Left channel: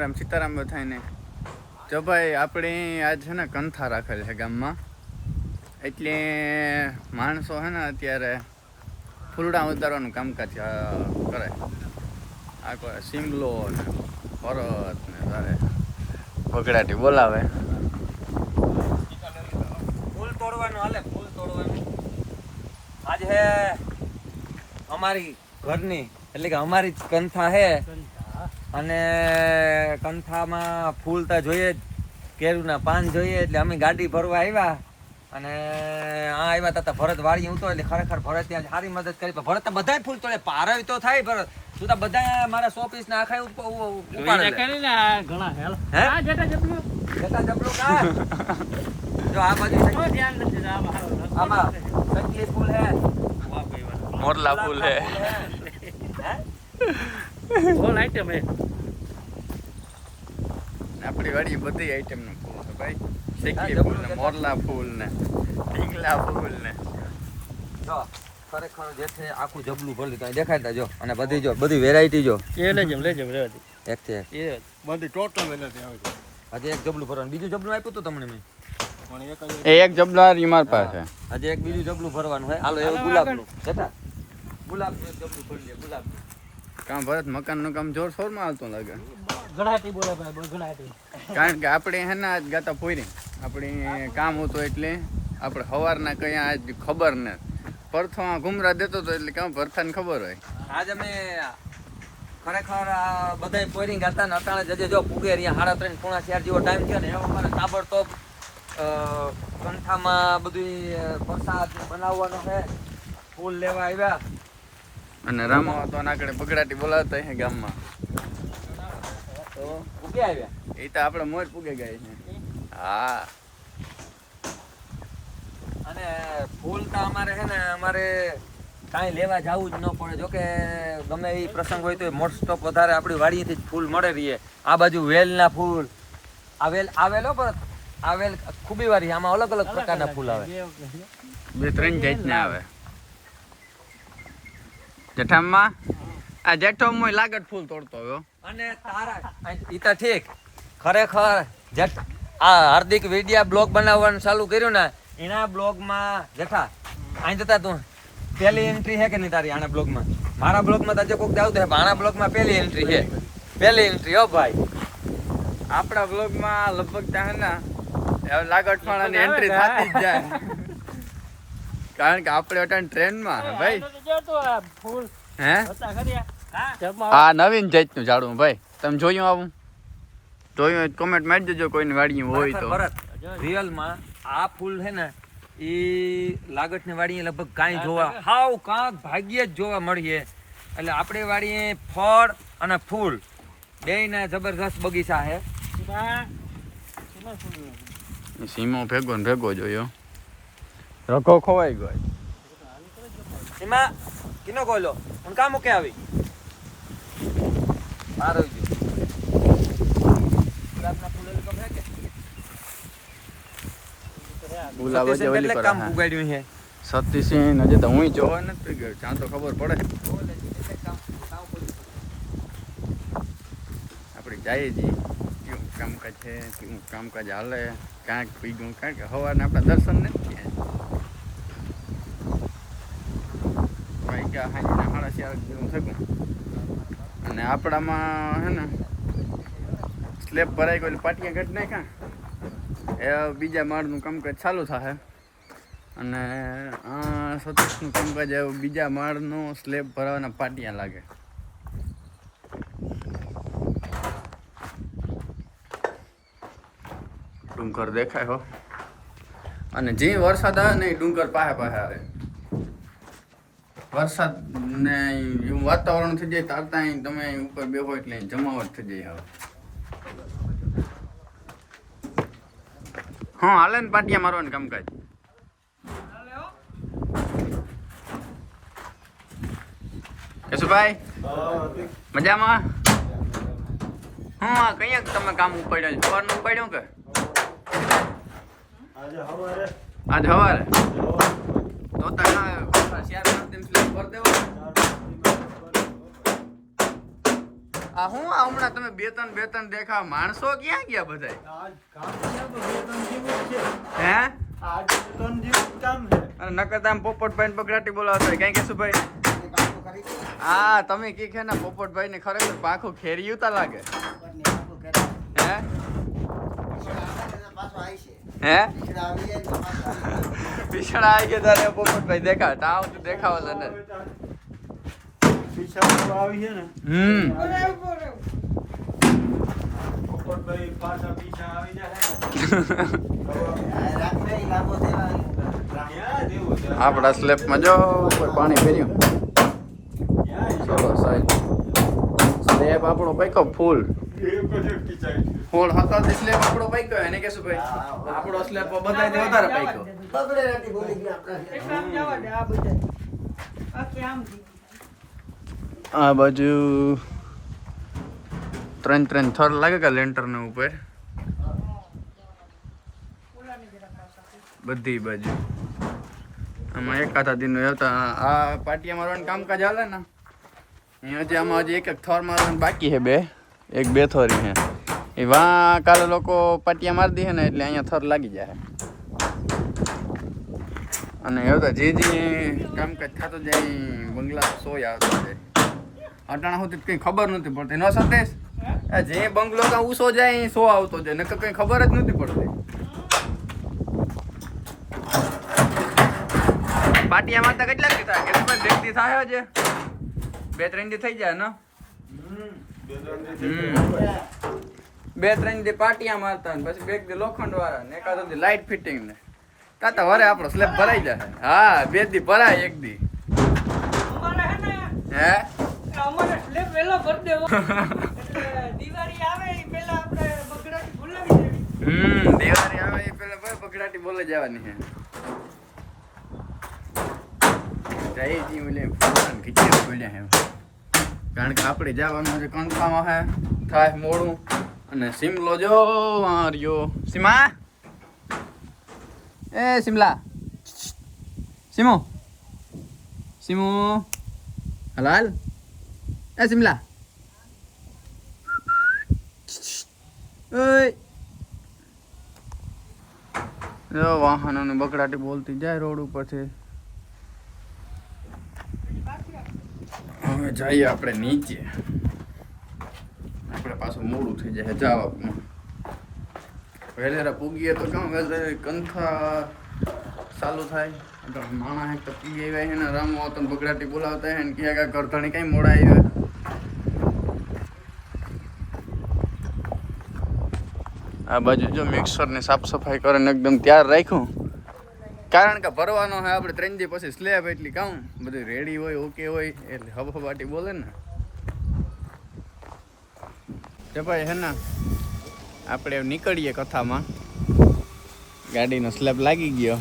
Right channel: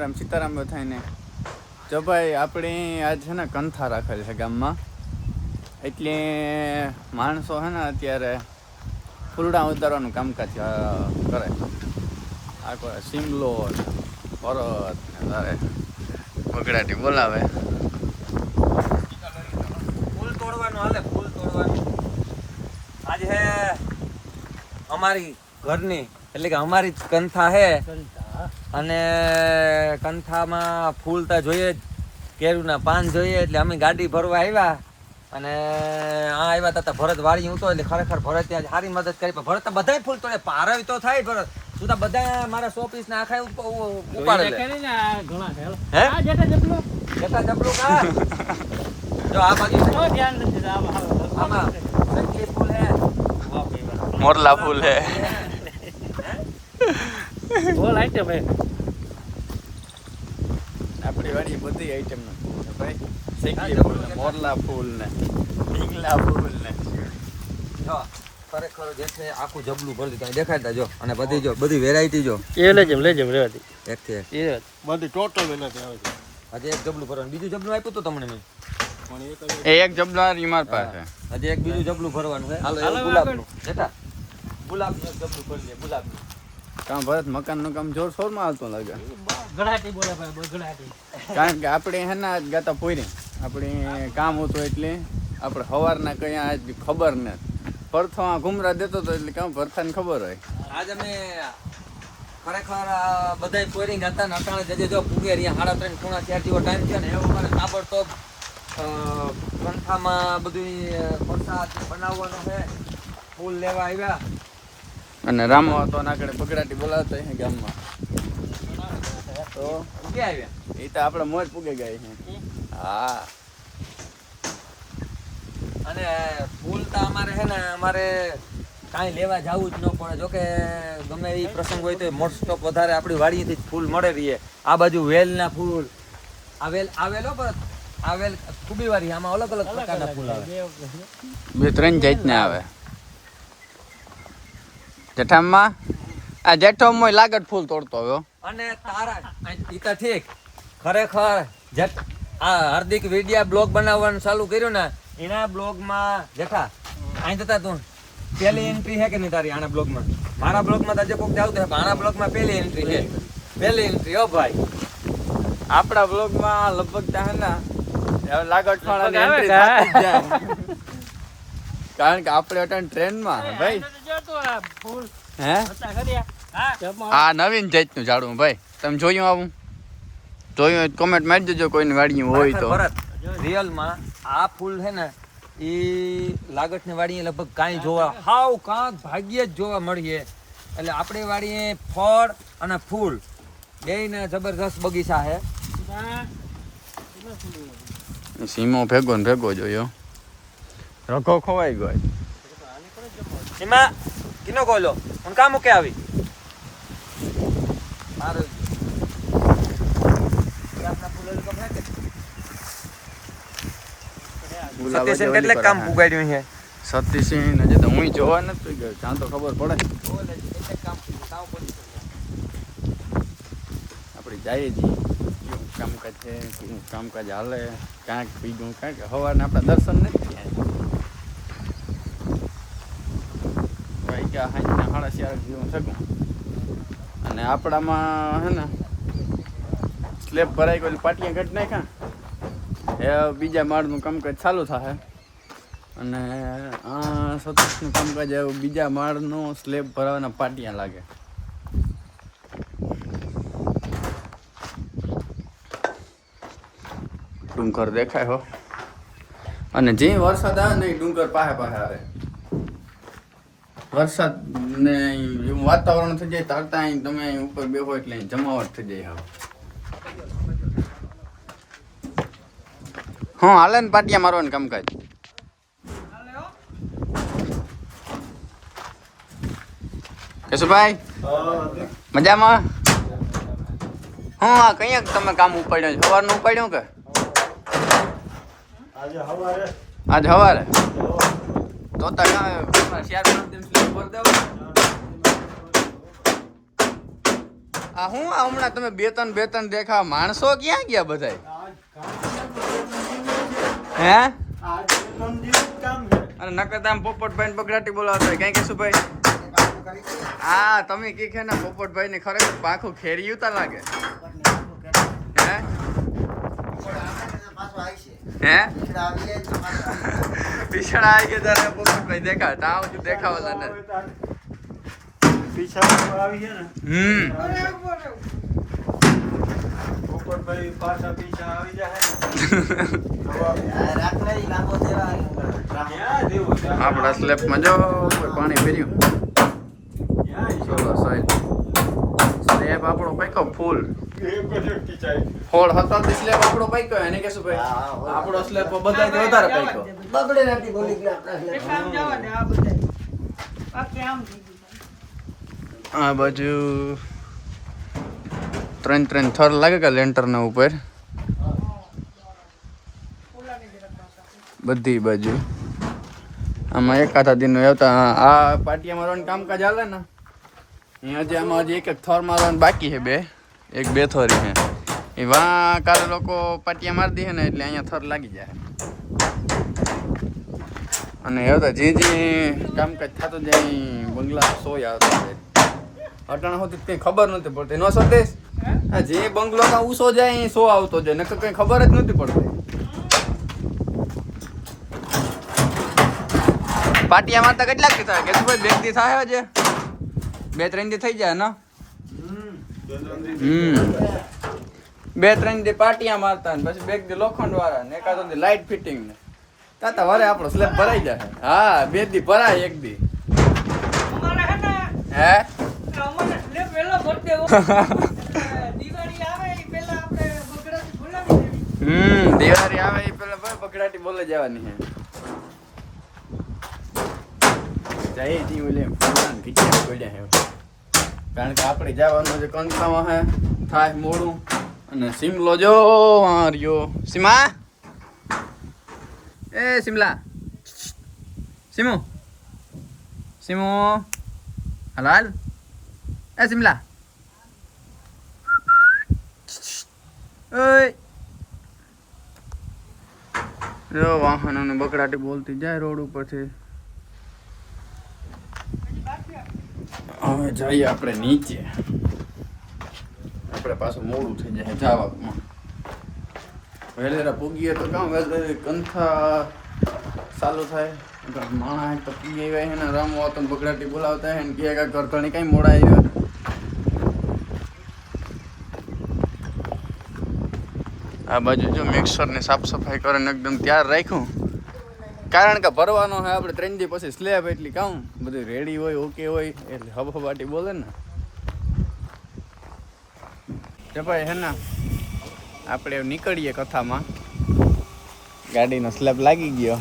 રામ સીતારામ બધાને. જો ભાઈ આપણે આજ છે ને કંથા રાખેલ છે ગામમાં, એટલે માણસો છે ને અત્યારે ફૂલડા ઉતારવાનું કામકાજ કરે. આ કોઈ સિમલો ને ભરત ને તારે બગડાટી બોલાવે. ફૂલ તોડવાનું હાલે, ફૂલ તોડવાનું. આજે હે અમારી ઘરની એટલે કે અમારી જ કંથા હે, અને કંથામાં ફૂલ તો જોઈએ જ, કેરુના પાન જોઈએ, એટલે અમે ગાડી ભરવા આવ્યા. અને આ આવ્યા હતા ભરત વાળી ઉતો, એટલે ખરેખર ભરત ત્યાં સારી મદદ કરી. પણ ભરત તો બધા ફૂલ તોડે, પારવી તો થાય ભરત. તું તો બધા મારા 100 પીસ ના આખા ઉપાડે ને ઘણા હેલ હે આ જેટા જબલું કા જો આ બાજુ તો ધ્યાન નથી આમાં સખી ફૂલ હે, મોરલા ફૂલ હે, બોલ આઈટમ હે. આપણી વાડી બધી આઈટમ નું ફૂલ છે ભાઈ. સખી ફૂલ ને મોરલા ફૂલ ને ઢીંગલા ફૂલ ને જો ખરેખર જે છે આખું જબલું ભરી દીધું દેખાડતા જો. અને બધી જો બધી વેરાયટી જો એ લેજમ રેવાતી એક થી એક એ બધી ટોટલ વેરાયટી આવે છે. હજી એક જબલું ભરવાનું, બીજું જબલું આપ્યું તો તમને મેં એક જબલા માર પાસે. હજી એક બીજું જબલું ભરવાનું છે. ગુલાબ જતા ગુલાબ જબલું ભરી લે. ગુલાબ કામ ભરત મકાન નું કામ જોરશોરમાં આવતું લાગે. ગણાટી બોલે ભાઈ ગણાટી. કારણ કે આપણે હે ને આજ ગાતા પૂરી આપણે કામ હતું, એટલે આપણે સવારના કઈ આજ ખબર ને પરથો ઘુમરા દેતો હતો, એટલે કામ ભરથાને ખબર હોય. આજ અમે ખરેખર બધા પોરિંગ હતા ને અટાણે જજે જો પૂગે રહ્યા 3:30 પોણા 4 જેવો ટાઈમ છે ને એવો અમારે તાબડતોબ કંઠામાં બધું પ્રસાદ બનાવવાનું છે. ફૂલ લેવા આવ્યા અને રામો હતો આગળ બગડાટી બોલાવતા હે ગામમાં, તો પૂગે આવ્યા. એ તો આપણે મોજ પૂગે ગઈ છે. હા, અને ફૂલ તો અમારે છે ને અમારે કાંઈ લેવા જવું જ ન પડે. જોકે ગમે એ પ્રસંગ હોય તો મોસ્ટ ઓફ વધારે આપણી વાડીથી જ ફૂલ મળે રહીએ. આ બાજુ વેલના ફૂલ આવેલો પર આવેલ ખૂબી વાળી, આમાં અલગ અલગ પ્રકારના ફૂલ આવે, 2-3 જાતના આવે. જેઠામાં આ જેઠો મોય લાગત ફૂલ તોડતો આવ્યો. અને તારા ઈ તો ઠીક. ખરેખર આ હાર્દિક વિડિયા બ્લોગ બનાવવાનું ચાલુ કર્યું ને, એના બ્લોગમાં જેઠા અહીં જતા તું પહેલી એન્ટ્રી છે કે નહીં તારી આના બ્લોગમાં? મારા બ્લોગમાં તો કોઈક આવતું છે, આના બ્લોગમાં પહેલી એન્ટ્રી છે. પહેલી એન્ટ્રી હો ભાઈ. આપણા બ્લોગમાં લગભગ ત્યાં ને લાગત વાળાની એન્ટ્રી થતી જ જાય, કારણ કે આપણે અટાણ ટ્રેનમાં ભાઈ. હે આ નવીન જાતનું ઝાડવું ભાઈ, તમે જોયું? આવું જોયું કોમેન્ટ મારી દેજો કોઈની વાડી હોય તો. રિયલમાં આ ફૂલ છે ને એ લાગટની વાડીએ લગભગ કાંઈ જોવા હાવ કાંક ભાગ્યે જ જોવા મળીએ. એટલે આપણે વાડીએ ફળ અને ફૂલ બેયના જબરદસ્ત બગીચા છે. સીમો ભેગો ને ભેગો જોયો, રખો ખોવાઈ ગયો. એમાં કિનો કોલો હું કામ મૂકે આવી સતીસિંહ હજી તો હું જોવા નથી ગયો, ક્યાં તો ખબર પડે. આપણે જઈએ છીએ કેવું કામકાજ છે, કેવું કામકાજ હાલે, ક્યાંક પીધું કાંઈક સવારના આપણે દર્શન નથી વાગ્યા 4:30 જેવું થતું. અને આપણામાં હે ને સ્લેબ ભરાઈ ગયો, પાટિયા ઘટ નાખ્યા. એ બીજા માળનું કામકાજ ચાલુ થશે, અને આ સતીશનું કામકાજ એવું બીજા માળનું સ્લેબ ભરાવાના પાટિયા લાગે. ડુંગર દેખાય હો, અને જે વરસાદ આવે ને એ ડુંગર પાસે આવે. વરસાદ ને એવું વાતાવરણ થઈ જાય તારતા તમે ઉપર બેહો એટલે જમાવટ થઈ જાય. હવે હા હાલે ને પાટિયા મારવાનું કામકાજ. કેશુભાઈ મજામાં? હા કયા તમે કામ ઉપાડ્યું? સવારનું ઉપાડ્યું કે આજ સવારે? તો આ હું આ હમણાં તમે બે ત્રણ દેખાવ માણસો ક્યાં ગયા બધાય હે અને નકર આમ પોપટભાઈ બગડાટી બોલાવતા હોય કઈ કહેશું ભાઈ હા તમે કી છે ને પોપટભાઈ ને ખરેખર પાખું ખેરિયું તા લાગે હે હે પીછડા આવી ગયા તારે પોપટભાઈ દેખાવ તાવ જો દેખાવાલા ને આપડા સ્લેબ માં જો પાણી ફેર્યું ચલો સાહેબ સ્લેબ આપણો પાક્યો ફૂલ ફોડ હતા સ્લેબ આપણો પાક્યો એને કહેશું ભાઈ આપણો સ્લેબ બધાથી વધારે પાક્યો આ બાજુ 3 થર લાગે કે લેન્ટર ના ઉપર બધી બાજુ આમાં એકાદા દિન આવતા આ પાટિયા મારવાનું કામકાજ હાલે ને અહીંયા હજી આમાં હજી એક થર મારવાનું બાકી છે બે થોરી છે એ વાં કાલે લોકો પાટિયા મારી દે ને એટલે અહીંયા થર લાગી જાય અને આવતા જે કામકાજ થતું જાય બંગલા સોય આવતા જાય અટાણા સુધી કઈ ખબર નથી પડતી નો સંદેશ જે બંગલો કાં ઊંચો જાય સો આવતો જાય નકર કઈ ખબર જ નથી પડતી પાટિયા મારતા કેટલાક દી થાય કે ભાઈ 2 દી થાય છે 2-3 દી થઈ જાય ને 2-3 દી પાટિયા મારતા ને પછી 2 દી લોખંડ વાળા ને એકાદ દી લાઇટ ફિટિંગ ને તાતા વરે આપણો સ્લેબ ભરાઈ જાય હા 2 દી ભરાય 1 દી હે અમારે સ્લેબ વેલો ભર દેવો દિવાળી આવે એ પહેલા આપણે બગડાટી બોલાવી દેવી દિવાળી આવે એ પહેલા ભાઈ બગડાટી બોલે જવાની હે જઈ જી ઓલે ફૂલાન ખીચા પડ્યા હે કારણ કે આપણે જવાનું છે કંટાળો હે થાય મોડું અને સિમલો જો માર્યો સીમા એ સિમલા સિમો સિમો હલાલ એ સિમલા ઓય જો વાહનોને બગડાટી બોલતી જાય રોડ ઉપરથી હવે જઈએ આપણે નીચે આપણે પાછું મોડું થઈ જાય જવામાં વહેલેરા પૂગીએ તો કામ વહેલે કંથા ચાલુ થાય માણસ તો પૂગી આવ્યા છે ને રામવા તો બગડાટી બોલાવતા હે ને કે કરધણી કઈ મોડા આવ્યા આ બાજુ જો મિક્સર ની સાફ સફાઈ કરીને એકદમ તૈયાર રાખ્યું કારણ કે ભરવાનો હોય આપણે 3 દી પછી સ્લેબ એટલી કામ બધું રેડી હોય ઓકે હોય એટલે હબહબાટી બોલે ને કે ભાઈ હે ને આપણે નીકળીએ કથામાં ગાડીનો સ્લેબ લાગી ગયો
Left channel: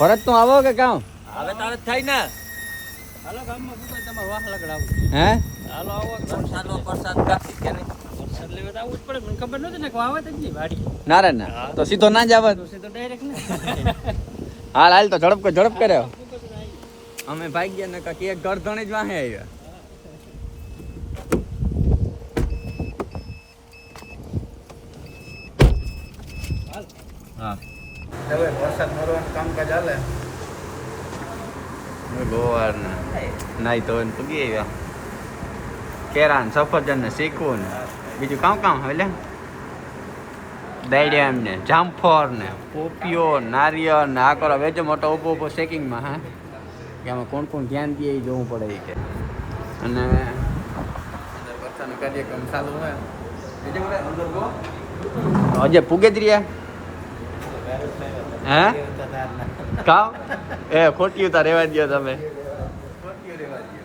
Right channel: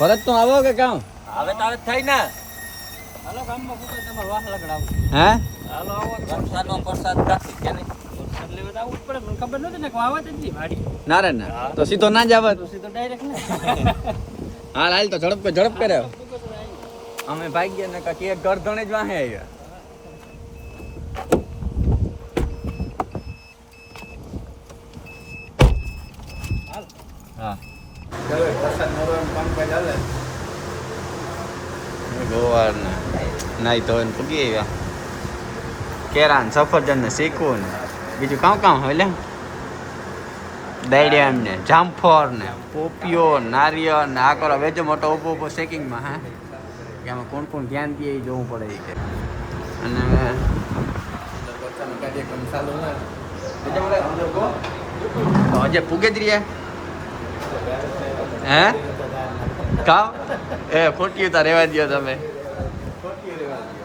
ભરત તું આવો કે કામ હવે તારે થઈ ને હાલો ગામમાં પૂછે તમારે વાહ લગડાવું હે હાલો આવો વરસાદનો પ્રસાદ કાઢી કે નહીં વરસાદ લેવા તો આવવું જ પડે મને ખબર નહોતી ને કે આવત જ નહીં વાડી ના રે ના તો સીધો ના જ આવત તો સીધો ડાયરેક્ટ ને હાલ હાલ તો ઝડપ કર્યો અમે ભાઈ ગયા ને કે એક ઘર ધણે જ વાહે આવ્યા હા હવે વરસાદ નરવાનું કામકાજ હાલે ગોવાર ને નાઈ ધોઈને પૂગી આવ્યા કેરા ને સફરજન ને શીખવું ને બીજું કામ હોય લે દાયડિયા ને જામફળ ને પોપિયો નારિયેળ ને આ કરો વેજો મોટો ઊભો શેકિંગમાં હા કે આમાં કોણ ધ્યાન દે એ જોવું પડે કે અને અંદર બચ્ચાનો કાર્યક્રમ ચાલુ હોય અંદર ગો તો હજે પૂગે જ રહ્યા હે કાવ એ ખોટી ઉતા રહેવા દો તમે ખોટી રહેવા દો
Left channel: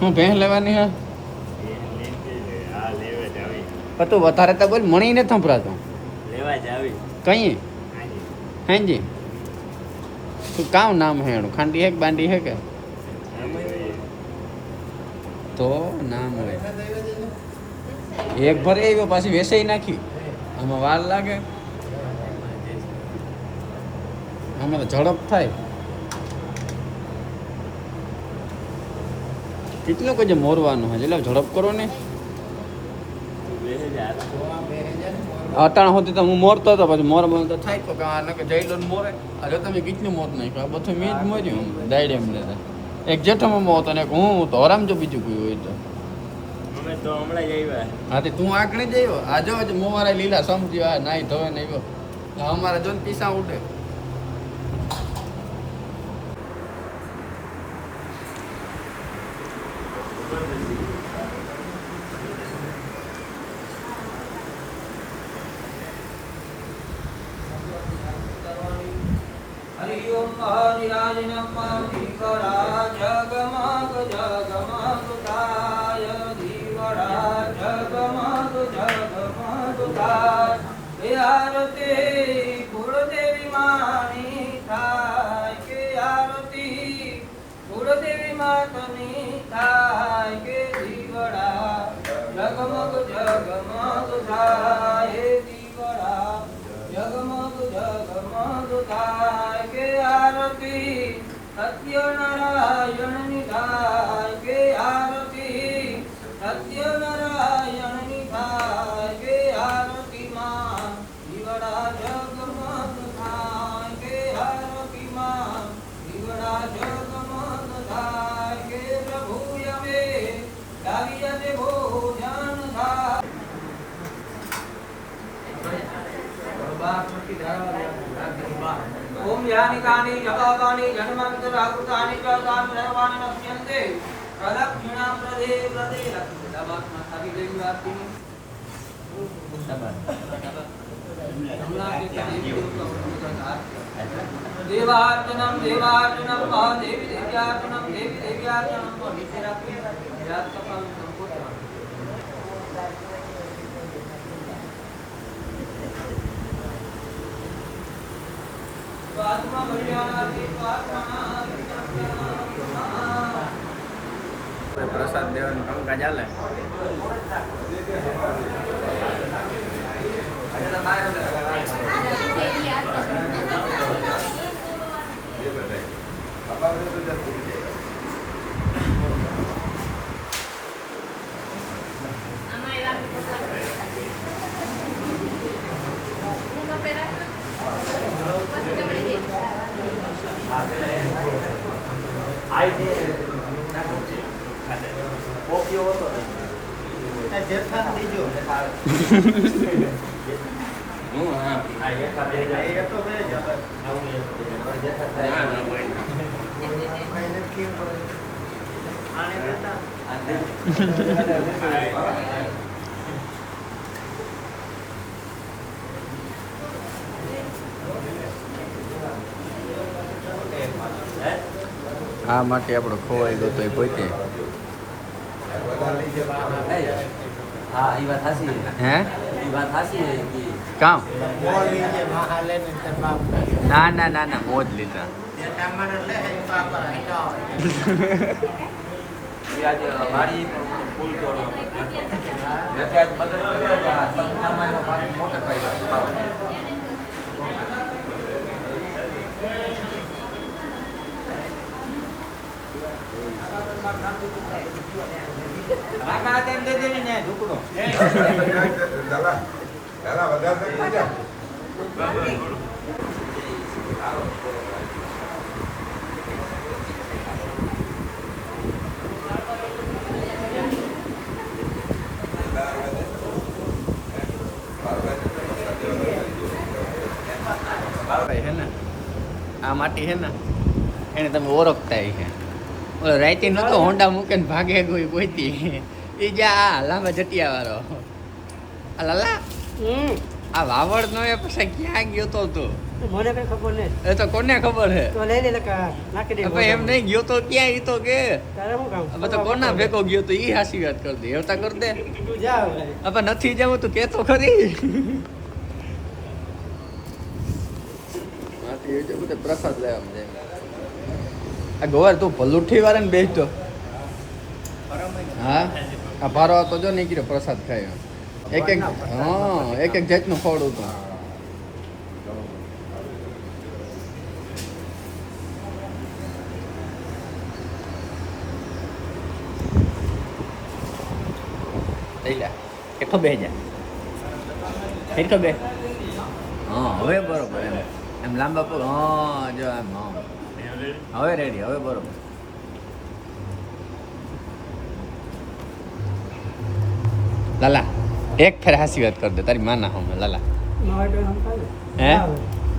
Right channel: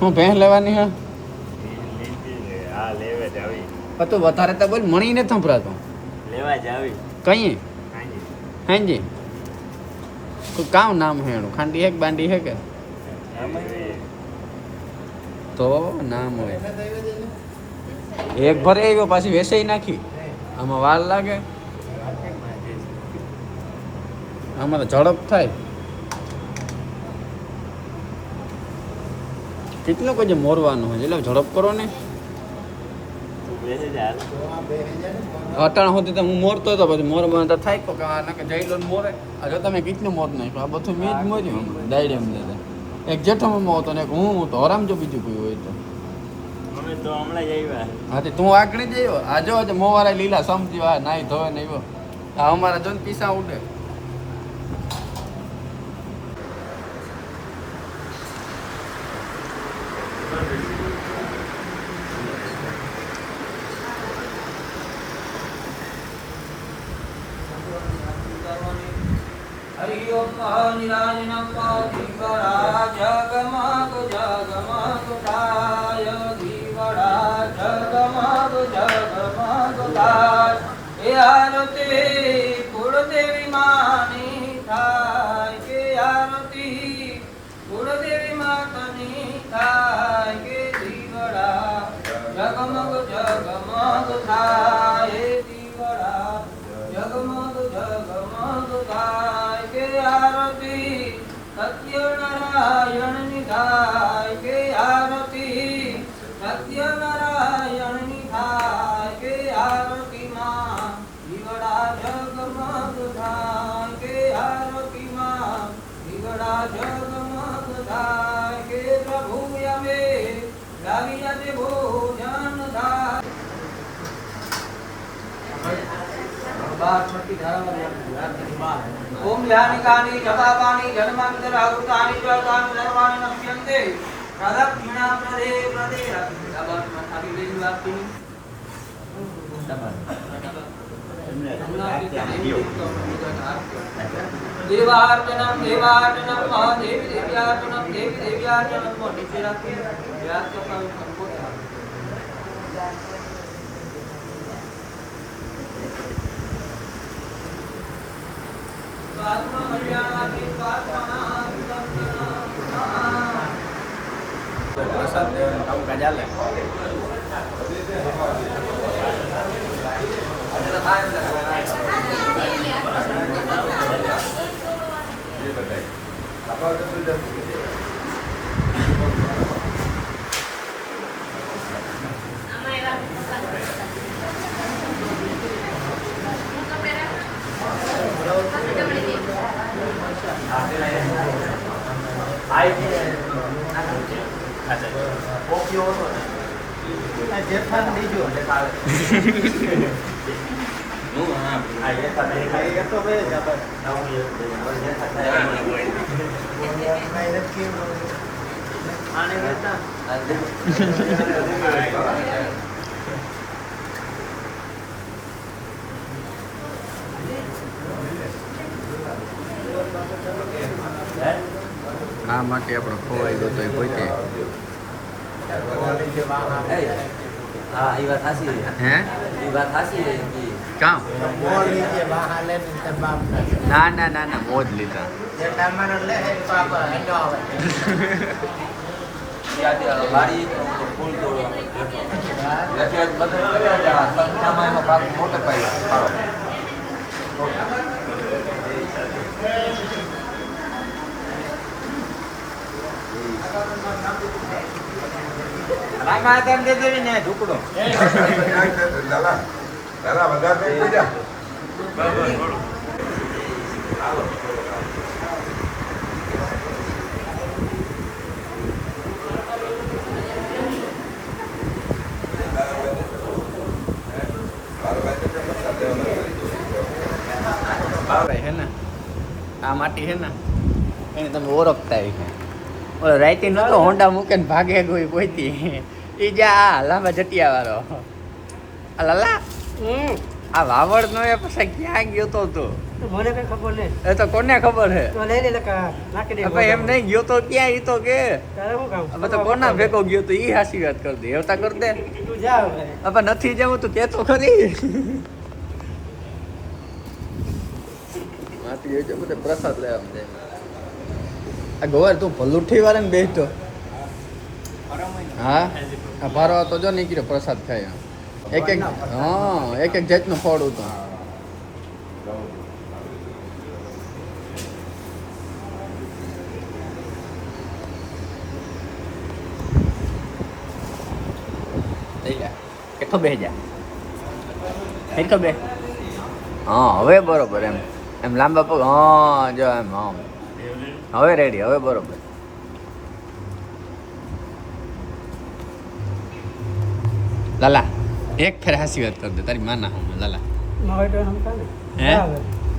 હું ભેંસ લેવાની હા પણ તું વધારે તો બોલ મણી ને સંભળાતો લેવા જાવી કઈ હેંજી કામ નામ હે એનું ખાંડી હે કે બાંડી હે કે તો નામ હોય એક ભરે આવ્યો પાછી વેસાઈ નાખી આમાં વાર લાગે આમાં તો ઝડપ થાય કેટલું કજે મોરવાનું હોય એટલે ઝડપ કરો ને અટાણ હોતી તો હું મોરતો હતો પછી મોર તો થાય તો કે આ કે જઈ લો ને મોરે આ જો તમે કેટલું મોર નાખ્યું આ બધું મેં જ મોર્યું દાયડે એમ દેતા એક જેઠામાં મોતો ને એક હું તો આરામ જો બીજું કોઈ હોય તો અમે તો હમણાં જ આવ્યા હા તે તું આગળ જ આવ્યો આ જો મોવારા લીલા સમજ્યો આ નાઈ ધોવે ને આવ્યો આ અમારા જો ને પીસા ઉડે હરિ ઓમ મહાનિરાજનમ દીવડા જગમગ જગમગ થાય દીવડા જગમગ જગમગ થાય હે આરતી કુળદેવી માની થાય કે આરતી કુળદેવી માતની થાય કે દીવડા જગમગ જગમગ થાય હે દીવડા જગમગ જગમગ થાય કે આરતી સત્યનારાયણ ની થાય કે આરતી સત્યનારાયણ ની થાય કે આરતી માં દીવડા જગમગ થાય કે આરતી માં દીવડા જગમગ થાય કે પ્રભુ અમે લાગી જાતે ભોજન થાય ओम यानि कानि जपापानि जन्मान्तरावृतानि च तानि सर्वाणि नश्यन्ते प्रदक्षिणां प्रदे प्रदे रक्षाबाद माथा की वेदी वाक्यनि देवार्चनं देवार्चनं महादेवी देव्यार्चनं देवी देव्यार्चनं नीचे रखी याद का संकोच પ્રસાદ દેવાનું કામકાજ ચાલે આ માટે આપણો ખોવાઈ ગયો તો એ પોતે હા એ વાત હાસી હે એ વાત હાસી કામ ના ના ના ના મોજ લીધા વાડી ફૂલ તોડવા ભાગ મોટે પાય રાગા તેમ દે દેવી ને ઢુકડો હે ને આ માટી હે ને એને તમે ઓળખતા છે ઓલો રાઈતી નતો હોન્ડા મૂકે ને ભાગે કોઈ પોઈતી એ જા લાંબા જટિયા વાળો આ લાલા આ વાવડ નો એ પછી ક્યાં ગયો તો તું મને કઈ ખબર નહીં એ તો કોને ખબર હે તો લઈ લે લકા નાખી દે ભાઈ એમ નહીં ગયો તો ક્યાં ઈ તો કે તારે શું કામ હવે તો કોના ભેગો ગયો તો ઈ હાસી વાત કર દે એવતા કર દે તું જા હવે હવે નથી જવું તું કે તો ખરી માટી એ જો બધે પ્રસાદ લેવા જાય આ ગોવાર તું ભલુઠી વાળાને બેસતો હા આ ભારો તો જો નીકળ્યો પ્રસાદ ખાય એક એક જાતનું ફળ હતું કેટલો બે જા કેટલો બે હા હવે બરોબર એમ એમ લાંબા પગ હા જો એમ હા હવે રેડી હવે બરોબર લાલા એક ફેર હાસી વાત કરી દે તારી માના હમે લાલા મારે તો હમ કાને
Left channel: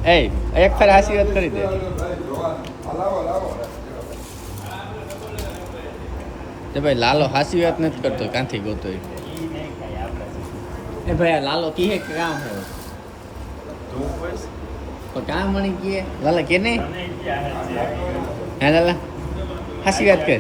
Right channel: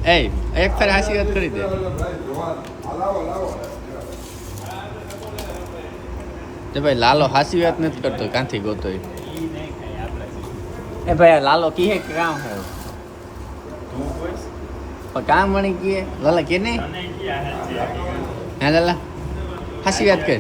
હે એ એક ફેર હાસી વાત કરી દે તે ભાઈ લાલો હાસી વાત નથી કરતો કાંથી ગોતો એ ભાઈ આ લાલો કીએ કે કામ હે પણ કામ મને કીએ લાલા કે નહીં હે લાલા હાસી વાત કર